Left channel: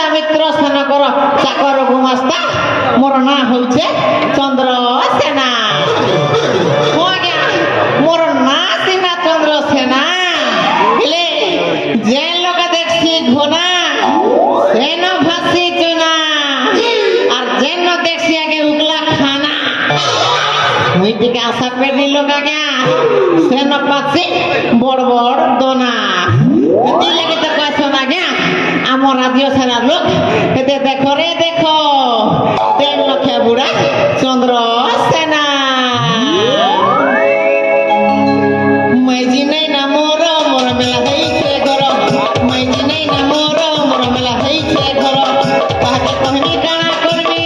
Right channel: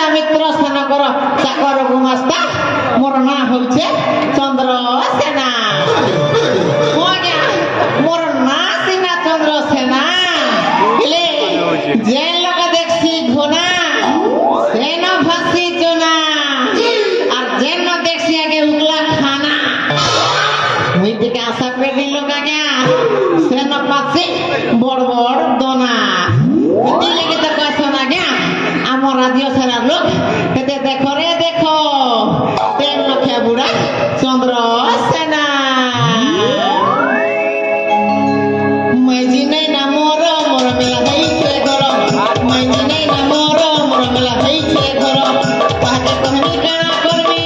রাজা মিত্র সেনাকর চাকর গুমাস্তা মোর না হচ্ছে চন্দ্রসেনা। মোর না সিনা চন্দ্রসেনা হেলে যে লোকে দেখছি ঘোনা সেন ভাসি চোনা আর যেন দেখছি আগে উগলা খানা ওই দিকে আশা করে দিল কাকা সেন পাচ্ছি বড় বড় দোনা লেগে তো কাছে না গে আমার রাজ্য সেনার লোক এতে দেখো রে দেখো তেল লক্ষে বুড়া চন্দ্রসেনা মাইজি নেই না মোর মোর মেলা হইছে ঘর মাইজি নেই না মোর মোর মেলা হইছে ঘর তাহাকে কহনি কানা করবি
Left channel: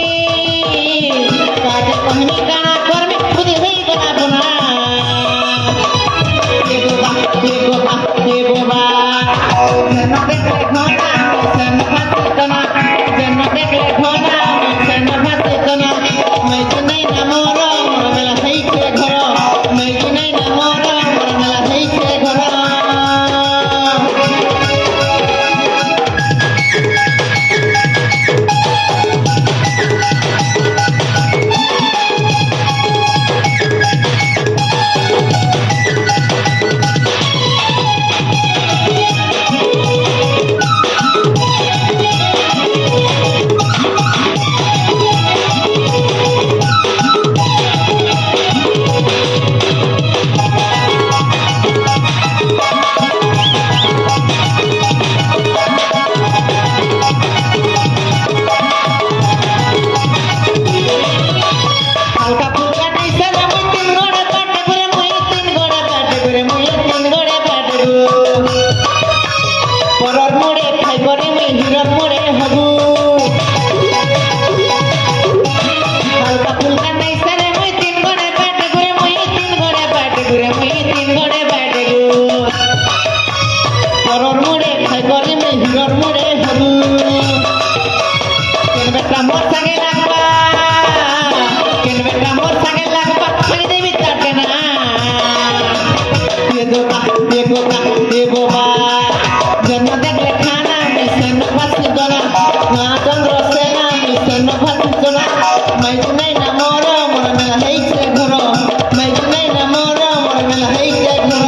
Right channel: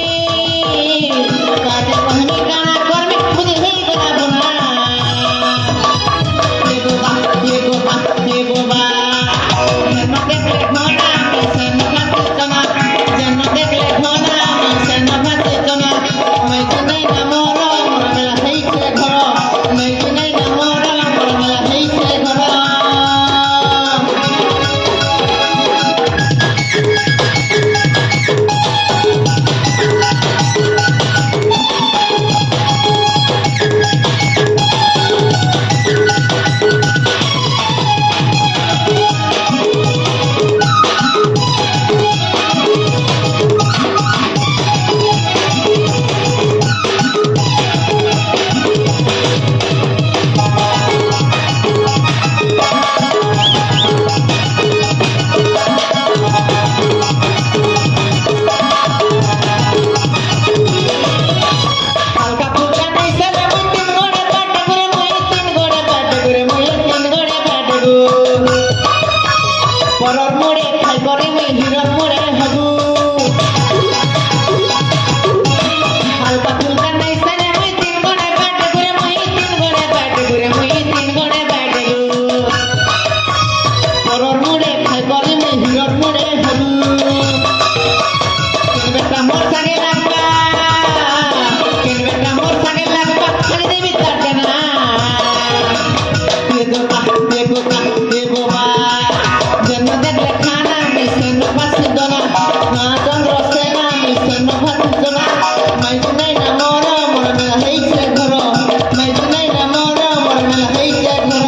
তাহাকে কহনি কানা করবি খুদি হই গলা বোনা এ গোবা এ গোবা এ গোবা যেন দেখলে ঘোনা সেন ভাসি কোনা যেন দেখলে ঘোনা সেন ভাসি কোনা মাইজি নেই না মোর মোর মেলা হইছে ঘর মাইজি নেই না মোর মোর মেলা হইছে ঘর হালকা ফুলকা নাইছে আমি তিন গোড়ে কাটে করে মই তিন গোড়ে কাটে করে মই তিন গোড়ে কাটে পরর মোড়ে খাই করে মই হিরর মোড়ে হবু হালকা ফুলকা নাইছে আমি তিন গোড়ে কাটে করে মই তিন গোড়ে কাটে করে মই তিন গোড়ে কাটে পরর মোড়ে খাই করে মই হিরর মোড়ে হবু কিনবে কামর সাগে লাগবা কিনবে কামর সাগে লাগবা খালি দেবি তাকে না দেবো দেবো দেবো যেন দেখলে খানা মিশন ভাসি দোনা মা চন্দ্রসেনা মিশন ভাসি দোনা মাইজি নাই না মোর মোর মেলা হইছে ঘর মাইজি নাই না মোর মোর মেলা হইছে ঘর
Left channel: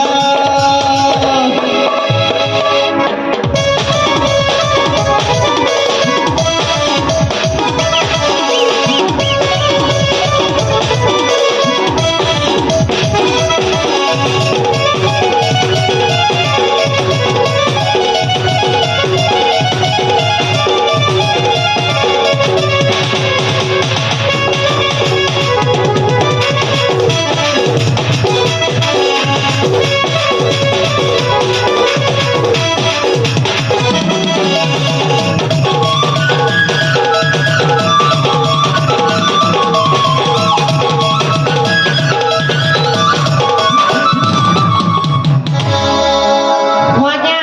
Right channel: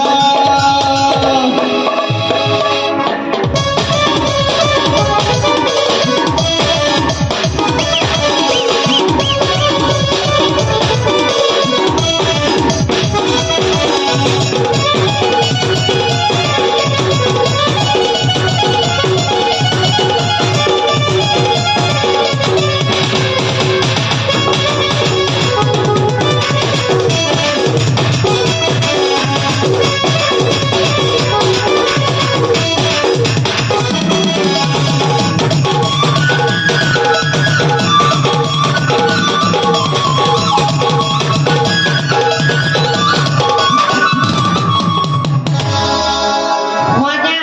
মজা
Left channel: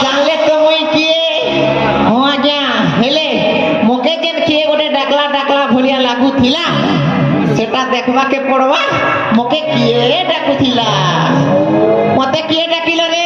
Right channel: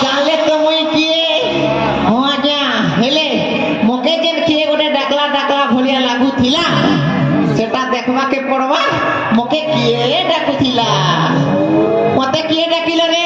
জানলে তো মই কিয়ে মজা হেলে মোকে যেন কিয়ে গোটে ডাকলা ডাকলা ভলিয়া লাগুথিলা সেটা দেখবাকে পড়বা মোকে কিয়ে ডাকুথিলা মতে কিয়ে ডাকিল রে